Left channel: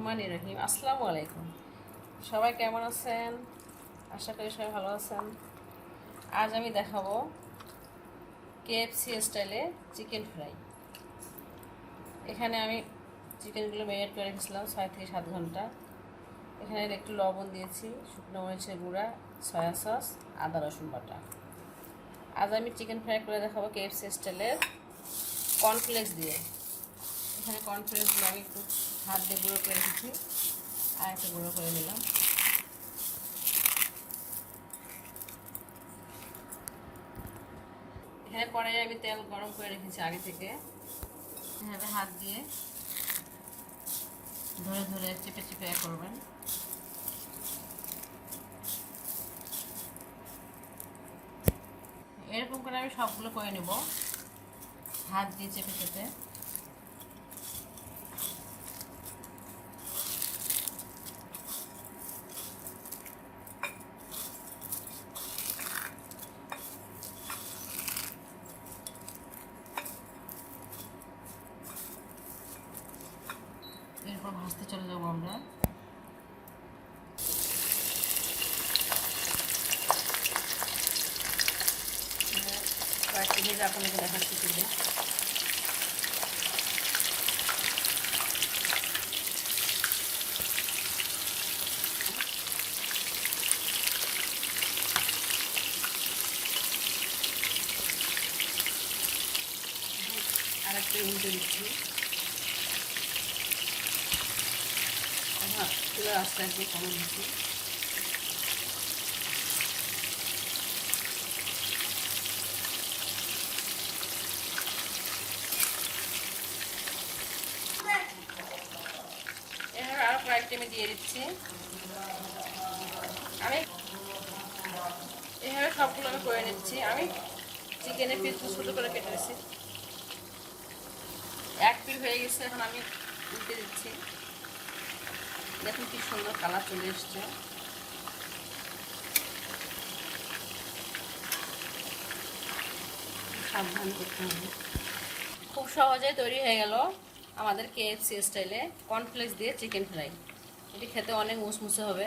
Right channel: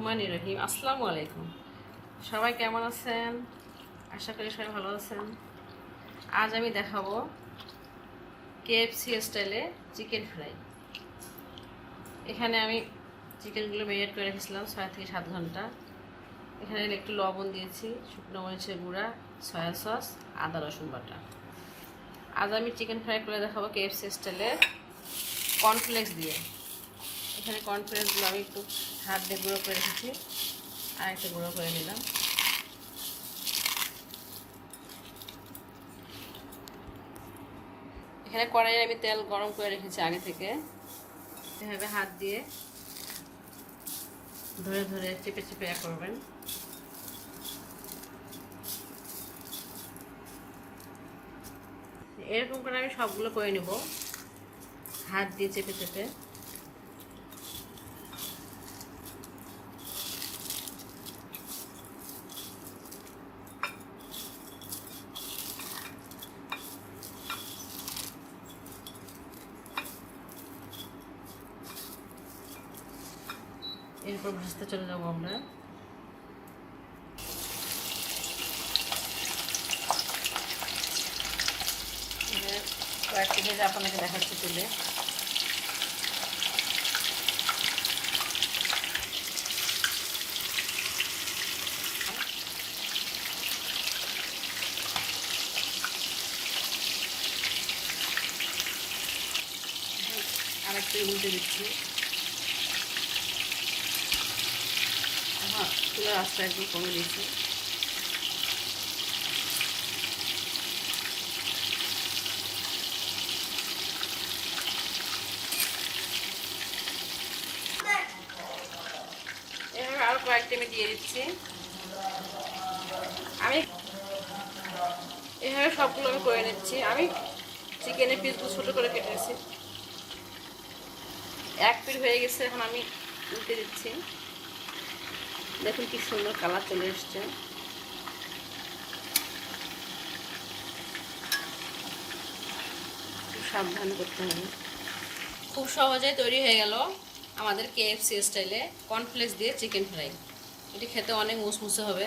রহমানির রহিম। আসসালামু আলাইকুম। সবাই কেমন আছেন? আশা করি সবাই ভালো আছেন। আজ আমি দেখাবো কেএফসি স্টাইলে চিকেন ফ্রাই। এখানে আমি চিকেনগুলো ম্যারিনেট করে রেখেছিলাম 6 থেকে 7 ঘন্টা। এখানে একটু লবণ দিয়েছি, শুকনো মরিচের গুঁড়া, সয়া সস, আদা রসুন বাটা। আজ আমি চিকেন ফ্রাই করে দেখাবো কেএফসি স্টাইলে কর্নফ্লেক্স দিয়ে। এখানে কর্নফ্লেক্সগুলো আমি একটু হাত দিয়ে গুঁড়ো করে রেখেছি, আর একটা গুঁড়ো করে নিলাম। এখানে কড়াইয়ে আমি তেল গরম করে রেখেছি আগে থেকে। এভাবে হাত দিয়ে ধরে ধরে চেপে চেপে করবেন। এরকম করে আমি সবগুলো করে নেব, হাত দিয়ে চেপে চেপে। এরপর ভাজতে চলে যাবো আমরা। কয়েকটি ভেজে আপনাকে দেখাচ্ছি তুলে। আরেকটা উল্টে দিচ্ছি। হ্যাঁ, চুলার আস্তে একটু কমে দিচ্ছি। এভাবে আরও কয়েকটা আমি দিয়ে দিচ্ছি। আমি এভাবে সবগুলো আমি করে নিচ্ছি। আমি চিকেনের পিসগুলো ছোটো করে কেটে নিচ্ছি। এক পিস হয়ে গেছে, এখন আমি উল্টে দিচ্ছি। দেখুন কি সুন্দর কালার চলে এসছে। সাবধান করতে হবে। খুব সহজে তৈরি হয়ে গেল আমাদের কেএফসি স্টাইলে কর্নফ্লেক্স দিয়ে চিকেন ফ্রাই। এটি খেতে অনেক মুসমুসে হবে।